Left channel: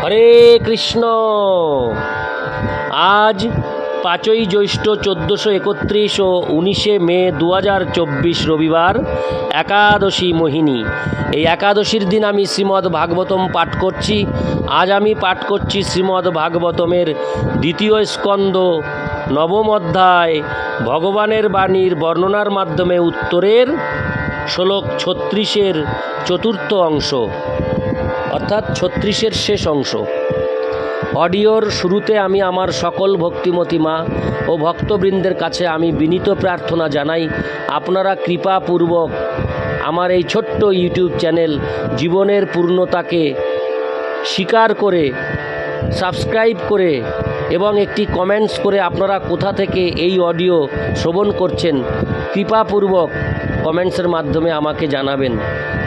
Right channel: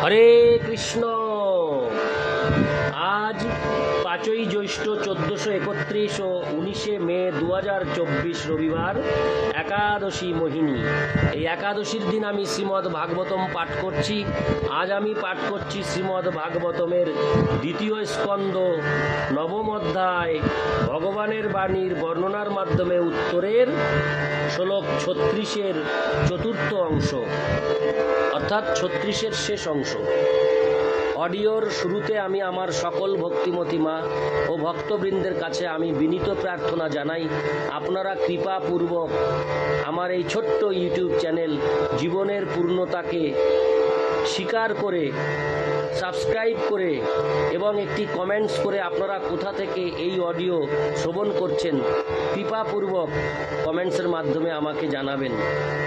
হরে কৃষ্ণ। আজ 5ই জ্যৈষ্ঠ 1431 ও 19 মে 2024 রবিবার, একাদশী মোহিনী। এই একাদশীর দিন আমি শ্রীমদ্ ভাগবতম পাঠ করছি। আজ আমি পাঠ করছি শ্রীমদ্ ভাগবতমের 2য় স্কন্দ 9ম অধ্যায় ভগবানের বাণীর বর্ণনার মাধ্যমে উত্তরের শ্লোক 36-এর 4র্থ অংশ, অর্থাৎ 36-এর শেষ অংশ। অডিওর শুরুতে আমি আমার সকল ভক্তিমতী মা ও ভক্তবৃন্দের কাছে আমি বিনীত প্রার্থনা জানাই, আপনারা কৃপাপূর্বক আমার এই ছোট্ট ইউটিউব চ্যানেল জীবনের পূর্ণতাকে স্বীকার করে সাবস্ক্রাইব করে এবং একটি কমেন্টস করে আপনারা কোথা থেকে এই অডিও শ্রবণ করছেন কৃপাপূর্বক কমেন্টসের মাধ্যমে আমাকে জানাবেন।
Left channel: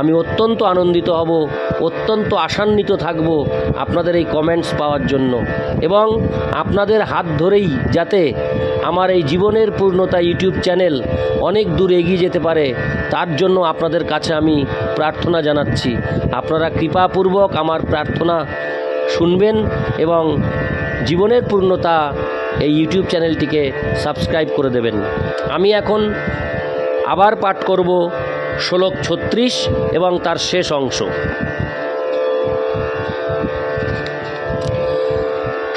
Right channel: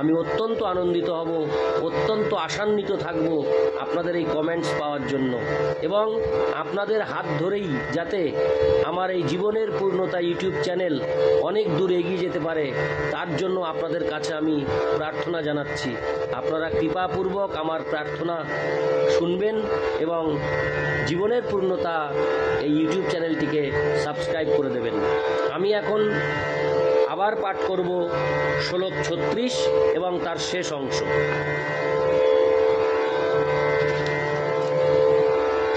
আমি অত্যন্ত আনন্দিত হব, অত্যন্ত আশান্বিত থাকব আপনাদের এই কমেন্টস পাওয়ার জন্য, এবং আপনাদের হাত ধরেই যাতে আমার এই জীবনের পূর্ণতা ইউটিউব চ্যানেল অনেক দূর এগিয়ে যেতে পারে, তার জন্য আপনাদের কাছে আমি প্রার্থনা জানাচ্ছি। আপনারা কৃপাপূর্বক আমার প্রার্থনা শুনবেন এবং জীবনের পূর্ণতা এই ইউটিউব চ্যানেলটিকে সাবস্ক্রাইব করে দেবেন। আমি এখন আবার পাঠ করব শ্লোক 36 এবং তার শেষ অংশ।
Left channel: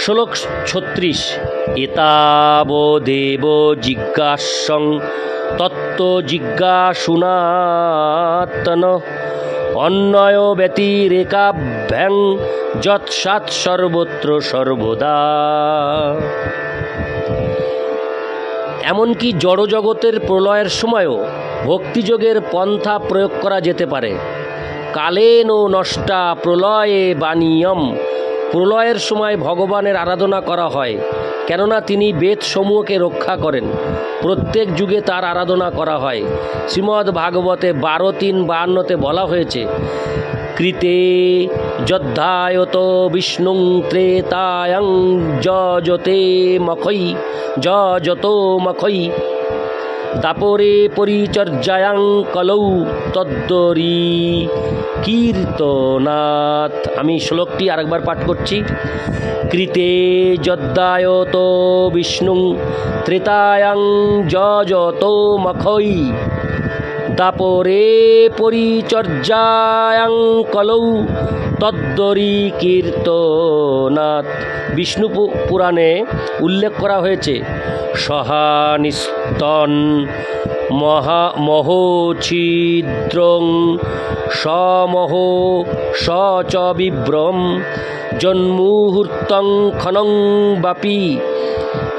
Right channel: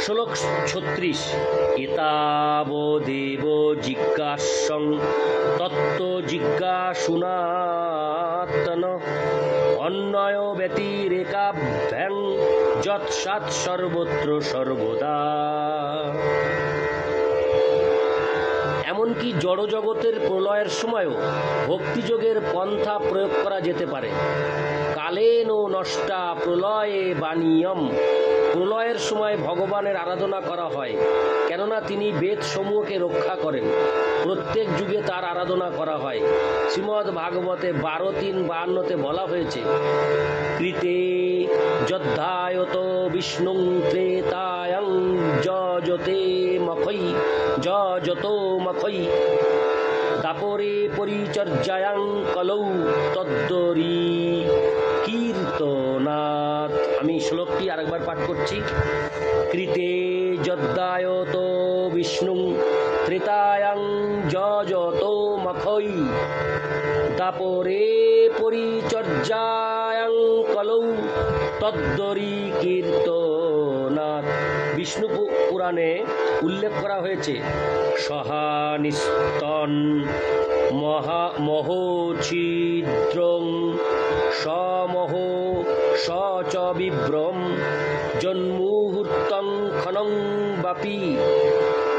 শ্লোক 36। এতাবদেব জিজ্ঞাসং তত্ত্ব জিজ্ঞাসুনাত্তন অন্যয় ব্যতিরেকাভ্যাং যৎসাৎ সর্বত্র সর্বদা। এমনকি জড়জগতের প্রলয়ের সময়ও ভক্তিযোগের পন্থা প্রয়োগ করা যেতে পারে। কালেন ও নষ্টা প্রলয়ে বাণীয়ম। প্রলয়ের সময় ভগবানের আরাধনা করা হয়, কেননা তিনি বেদসমূহকে রক্ষা করেন। প্রত্যেক যুগে তার আরাধনা করা হয়। শ্রীমদ্ ভাগবতে 12:3-52 বলা হয়েছে, কৃতে যদ্ধায়ত বিষ্ণুং ত্রেতায়ং যজতো মখৈ দাপরে পরিচর্যায়াং কলৌ তদ্দরি কীর্তনাথ। আমি শ্লোকটি আরেকবার পাঠ করছি। কৃতে যদ্ধায়ত বিষ্ণুং ত্রেতায়ং যজতো মখৈ দাপরে পরিচর্যায়াং কলৌ তদ্দরি কীর্তনাথ। বিষ্ণু পুরাণে উল্লেখ করা হয়েছে, সহানিস্তন মহোছিদ্রং সমহ স বিভ্রম জন্মুহূর্তং ক্ষণং বাপি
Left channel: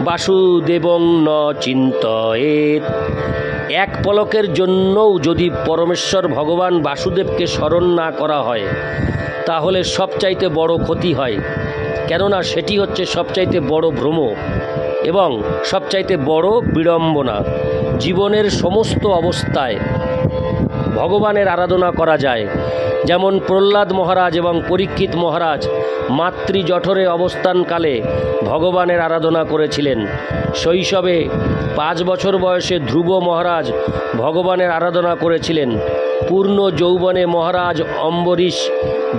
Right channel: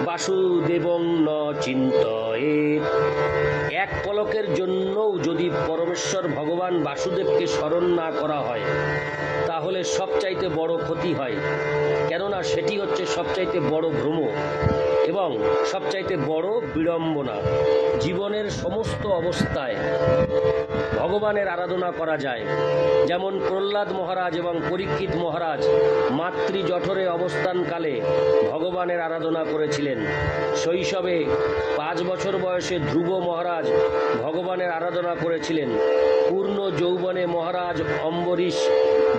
বাসুদেবং ন চিন্তয়েৎ। এক পলকের জন্যও যদি পরমেশ্বর ভগবান বাসুদেবকে স্মরণ না করা হয় তাহলে সবচাইতে বড় ক্ষতি হয়, কেননা সেটি হচ্ছে সবচাইতে বড় ভ্রম এবং সবচাইতে বড় বিড়ম্বনা। জীবনের সমস্ত অবস্থায় ভগবানের আরাধনা করা যায়। যেমন প্রহ্লাদ মহারাজ এবং পরীক্ষিত মহারাজ মাতৃ জঠরে অবস্থানকালে ভগবানের আরাধনা করেছিলেন। শৈশবে 5 বছর বয়সে ধ্রুব মহারাজ ভগবানের আরাধনা করেছিলেন। পূর্ণ যৌবনে মহারাজ অম্বরীশ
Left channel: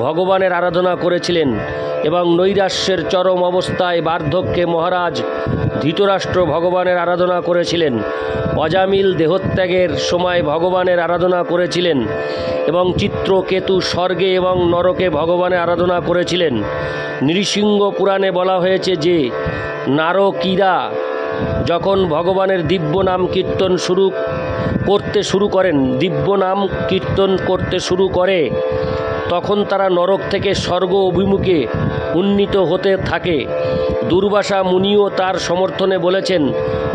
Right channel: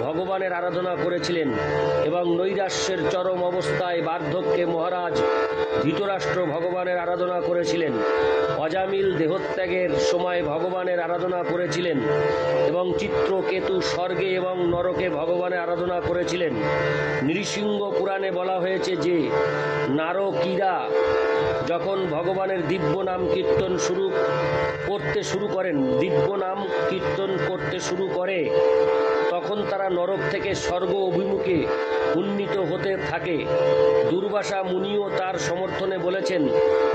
ভগবানের আরাধনা করেছিলেন এবং নৈরাশ্যের চরম অবস্থায় বার্ধক্যে মহারাজ ধৃতরাষ্ট্র ভগবানের আরাধনা করেছিলেন। অজামিল দেহত্যাগের সময় ভগবানের আরাধনা করেছিলেন এবং চিত্রকেতু স্বর্গে এবং নরকে ভগবানের আরাধনা করেছিলেন। নৃসিংহ পুরাণে বলা হয়েছে যে নারকীরা যখন ভগবানের দিব্য নাম কীর্তন করতে শুরু করে তখন তারা নরক থেকে স্বর্গ অভিমুখে উন্নীত হতে থাকে। দুর্বাসা মুনিও তার সমর্থনে বলেছেন,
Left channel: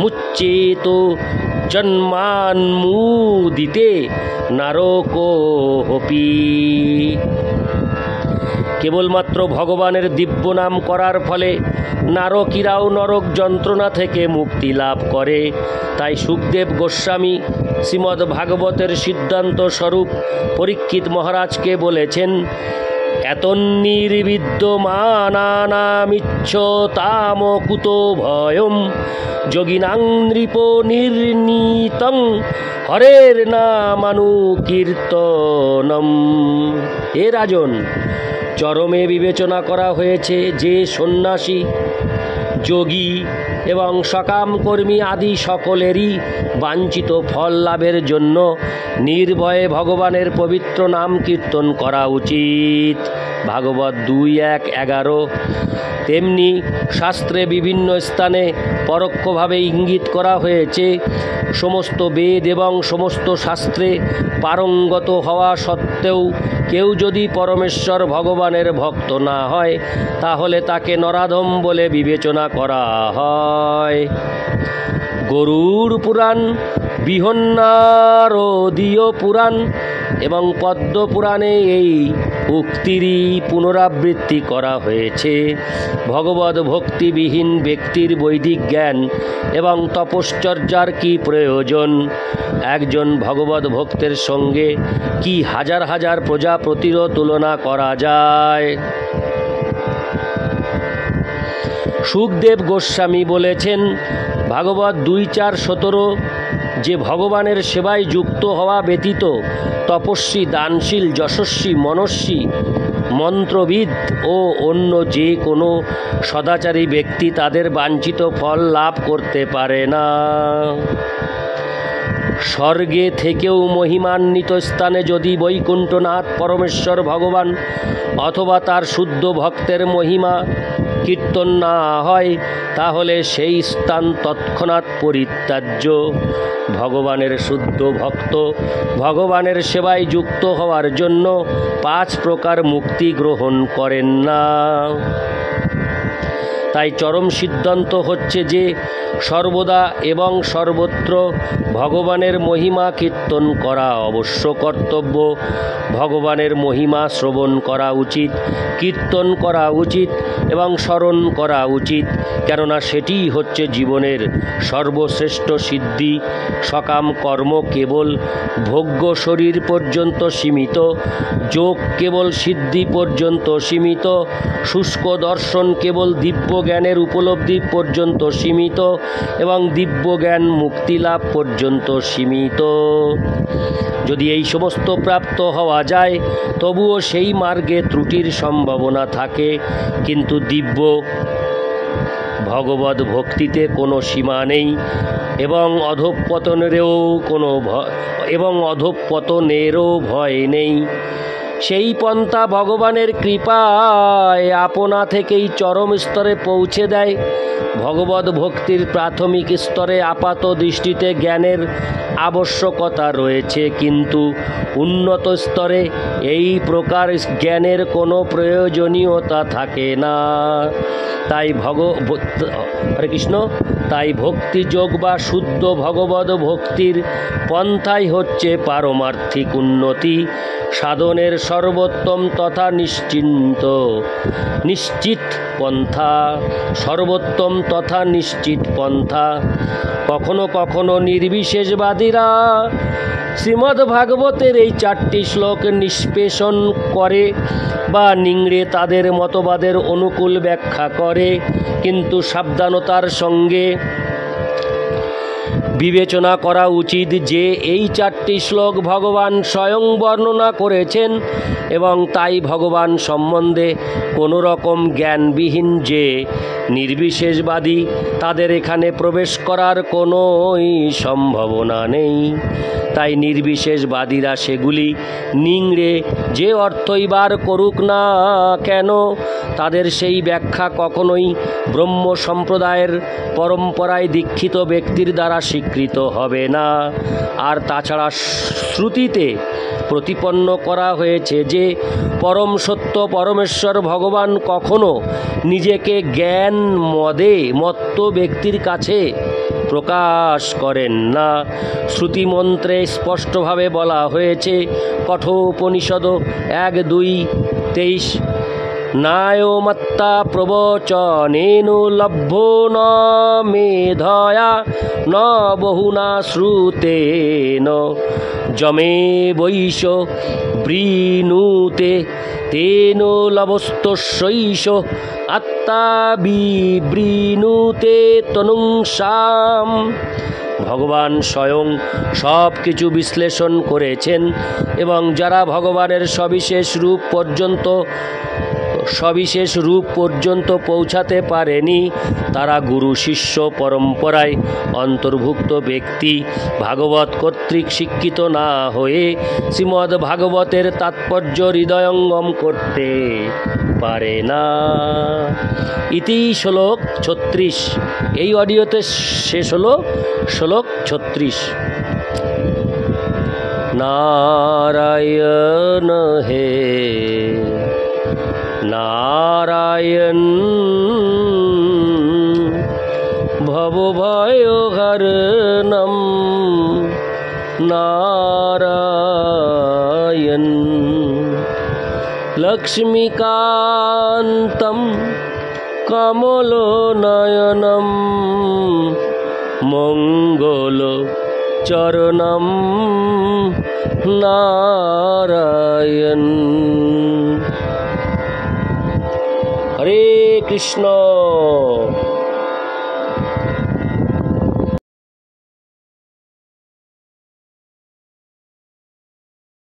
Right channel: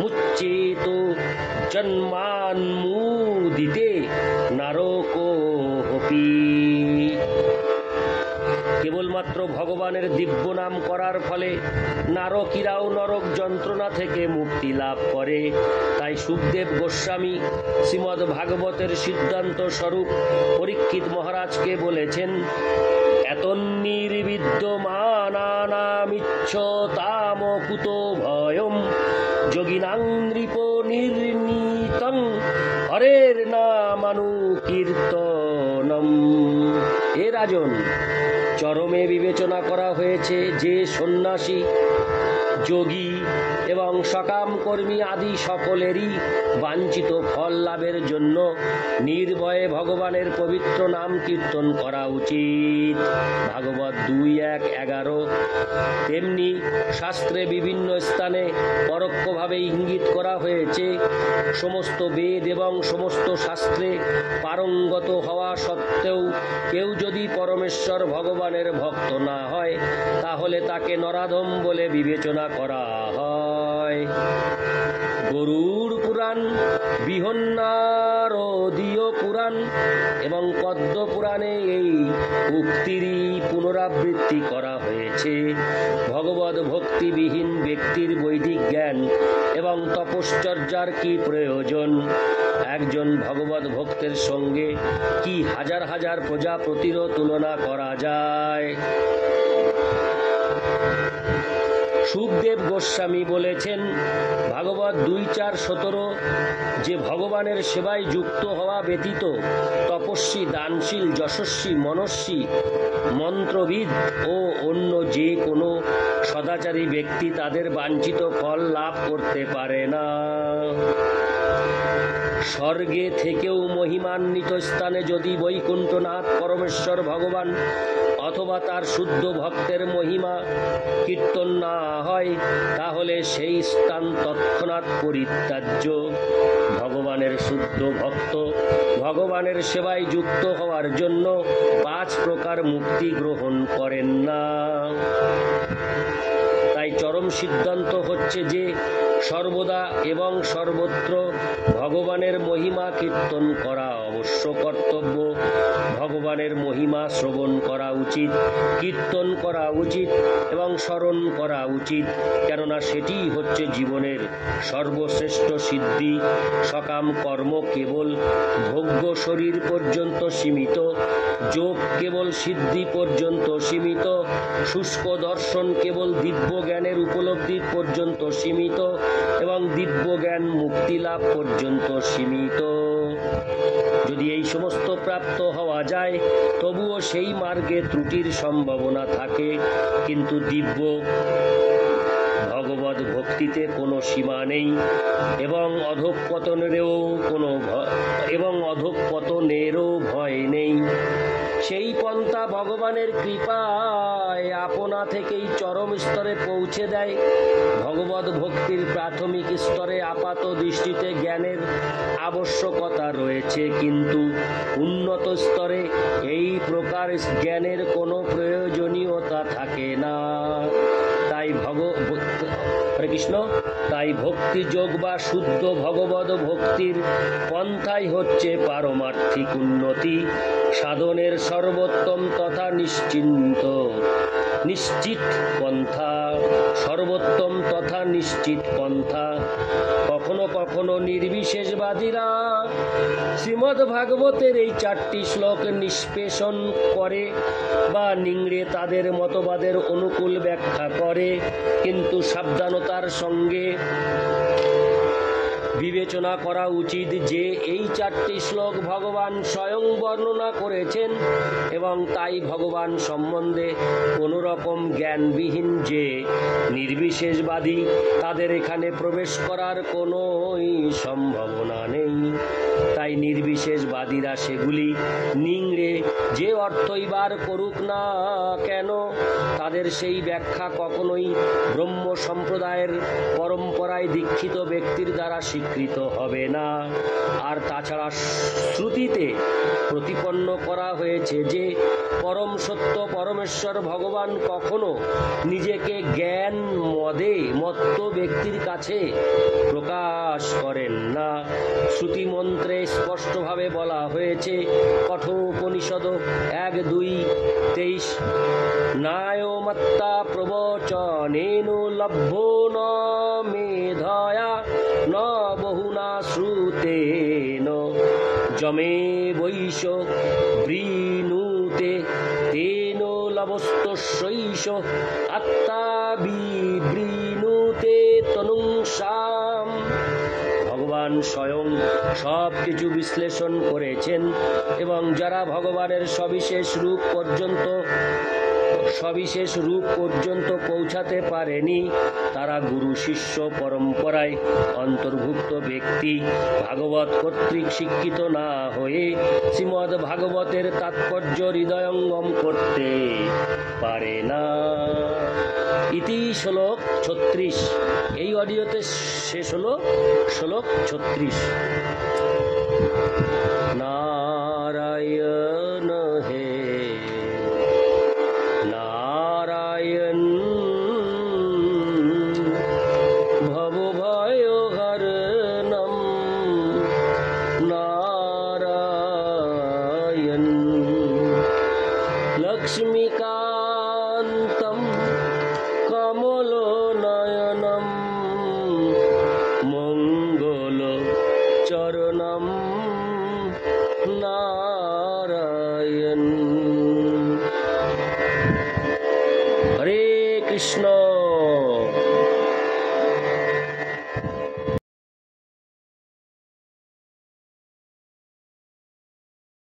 মুচ্চেত জন্মান্মুদিতে নারকোপি। কেবলমাত্র ভগবানের দিব্য নাম করার ফলে নারকীরাও নরক যন্ত্রণা থেকে মুক্তি লাভ করে। তাই সুখদেব গোস্বামী শ্রীমদ্ ভাগবতের সিদ্ধান্ত স্বরূপ পরীক্ষিত মহারাজকে বলেছেন, এতন্নির্বিদ্যমানানামিচ্ছতাম কুতো ভয়ম যোগিনাং নৃপ নির্নীতং হরের নামানুকীর্তনম। হে রাজন, চরমে বিবেচনা করা হয়েছে যে সন্ন্যাসী, যোগী এবং সকাম কর্মী আদি সকলেরই বাঞ্ছিত ফল লাভের জন্য নির্ভয়ে ভগবানের পবিত্র নাম কীর্তন করা উচিত। ভাগবত 2:1-11। তেমনি শাস্ত্রে বিভিন্ন স্থানে পরোক্ষভাবে ইঙ্গিত করা হয়েছে, সমস্ত বেদ এবং সমস্ত শাস্ত্রে পারঙ্গত হওয়া সত্ত্বেও কেউ যদি পরমেশ্বর ভগবানের ভক্ত না হয় তাহলে তাকে নরাধম বলে বিবেচনা করা হয়। গরুড় পুরাণ, বৃহন্নারদীয় পুরাণ এবং পদ্ম পুরাণে এই উক্তিরই পুনরাবৃত্তি করা হয়েছে। ভগবদ ভক্তিবিহীন ব্যক্তির বৈদিক জ্ঞান এবং তপশ্চর্যার কি প্রয়োজন? একজন ভগবদ ভক্তের সঙ্গে কি হাজার হাজার প্রজাপতিরও তুলনা করা যায়? সুখদেব গোস্বামী বলেছেন, ভাগবত 2:4-17 যে ভগবানের সেবায় যুক্ত হওয়া ব্যতীত তপস্বী, দানশীল, যশস্বী, মনস্বী, মন্ত্রবিদ ও অন্য যে কোনো সদাচারী ব্যক্তি তাদের বাঞ্ছিত ফল লাভ করতে পারে না। স্বর্গে থেকেও মহিমান্বিত স্থানে যদি বৈকুণ্ঠনাথ পরমেশ্বর ভগবান অথবা তার শুদ্ধ ভক্তের মহিমা কীর্তন না হয় তাহলে সেই স্থান তৎক্ষণাৎ পরিত্যাজ্য। ভগবানের শুদ্ধ ভক্ত ভগবানের সেবায় যুক্ত হওয়ার জন্য 5 প্রকার মুক্তি গ্রহণ করেন না। তাই চরম সিদ্ধান্ত হচ্ছে যে সর্বদা এবং সর্বত্র ভগবানের মহিমা কীর্তন করা অবশ্য কর্তব্য। ভগবানের মহিমা শ্রবণ করা উচিত, কীর্তন করা উচিত এবং স্মরণ করা উচিত, কেননা সেটিই হচ্ছে জীবনের সর্বশ্রেষ্ঠ সিদ্ধি। সকাম কর্ম কেবল ভোগ্য শরীর পর্যন্ত সীমিত, যোগ কেবল সিদ্ধি পর্যন্ত সীমিত, শুষ্ক দর্শন কেবল দিব্য জ্ঞানের উপলব্ধি পর্যন্ত সীমিত এবং দিব্য জ্ঞান মুক্তি লাভ পর্যন্ত সীমিত। যদি এই সমস্ত প্রাপ্ত হওয়া যায় তবুও সেই মার্গে ত্রুটির সম্ভাবনা থাকে, কিন্তু দিব্য ভগবদ ভক্তিতে কোনো সীমা নেই এবং অধঃপতনেরও ভয় নেই। সেই পন্থা ভগবানের কৃপায় আপনা থেকেই চরম স্তরে পৌঁছে দেয়। ভগবদ ভক্তির প্রাথমিক স্তরে আপাত দৃষ্টিতে জ্ঞানের আবশ্যকতা রয়েছে, কিন্তু উন্নত স্তরে এই প্রকার জ্ঞানের কোনো প্রয়োজনীয়তা থাকে না। হরে কৃষ্ণ। তাই ভক্তিযোগ বা শুদ্ধ ভগবদ ভক্তির পন্থাই হচ্ছে পারমার্থিক উন্নতি সাধনের সর্বোত্তম তথা নিশ্চিত পন্থা। সর্বোত্তম তথা নিশ্চিত পন্থা। কখনো কখনো নির্বিশেষবাদীরা শ্রীমদ্ ভাগবতের এই 4টি শ্লোক নিষ্পেষণ করে বা নিংড়ে তাদের মতবাদের অনুকূল ব্যাখ্যা করে, কিন্তু সাবধানতার সঙ্গে বিবেচনা করা উচিত যে এই 4টি শ্লোক ভগবান স্বয়ং বর্ণনা করেছেন এবং তাই ভগবান সম্বন্ধে কোনো রকম জ্ঞানবিহীন যে নির্বিশেষবাদী তাদের এখানে প্রবেশ করার কোনোই সম্ভাবনা নেই। তাই নির্বিশেষবাদীরা সেগুলি নিংড়ে যে অর্থই বার করুক না কেন তাদের সেই ব্যাখ্যা কখনোই ব্রহ্ম সম্প্রদায়ের পরম্পরায় দীক্ষিত ব্যক্তির দ্বারা স্বীকৃত হবে না। আর তাছাড়া শ্রুতিতে প্রতিপন্ন করা হয়েছে যে পরম সত্য পরমেশ্বর ভগবান কখনো নিজেকে জ্ঞান মত্ত ব্যক্তির কাছে প্রকাশ করেন না। শ্রুতিমন্ত্রে স্পষ্টভাবে বলা হয়েছে, কঠোপনিষদ 1:2-23, নায়মত্তা প্রবচনেন লভ্যো ন মেধয়া ন বহুনা শ্রুতেন যমে বৈশ বৃণুতে তেন লবস্তস্যৈষ আত্মা বিবৃণুতে তনুংসাম। ভগবান স্বয়ং সব কিছু বিশ্লেষণ করেছেন এবং যারা ভগবানের সবিশেষ রূপ পর্যন্ত সবিশেষ রূপ পর্যন্ত পৌঁছাতে পারেনি, তারা গুরু শিষ্য পরম্পরায় অন্তর্ভুক্ত ব্যক্তি ভাগবত কর্তৃক শিক্ষিত না হয়ে শ্রীমদ্ ভাগবতের তাৎপর্য হৃদয়ঙ্গম করতে পারে না। ইতি শ্লোক 36। এই অডিওতে শেষ হলো শ্লোক 36। নারায়ণ হে নারায়ণ ভবভয়হরণম নারায়ণ লক্ষ্মীকান্তম কমলনয়নম মঙ্গলচরণম নারায়ণ। হরে কৃষ্ণ।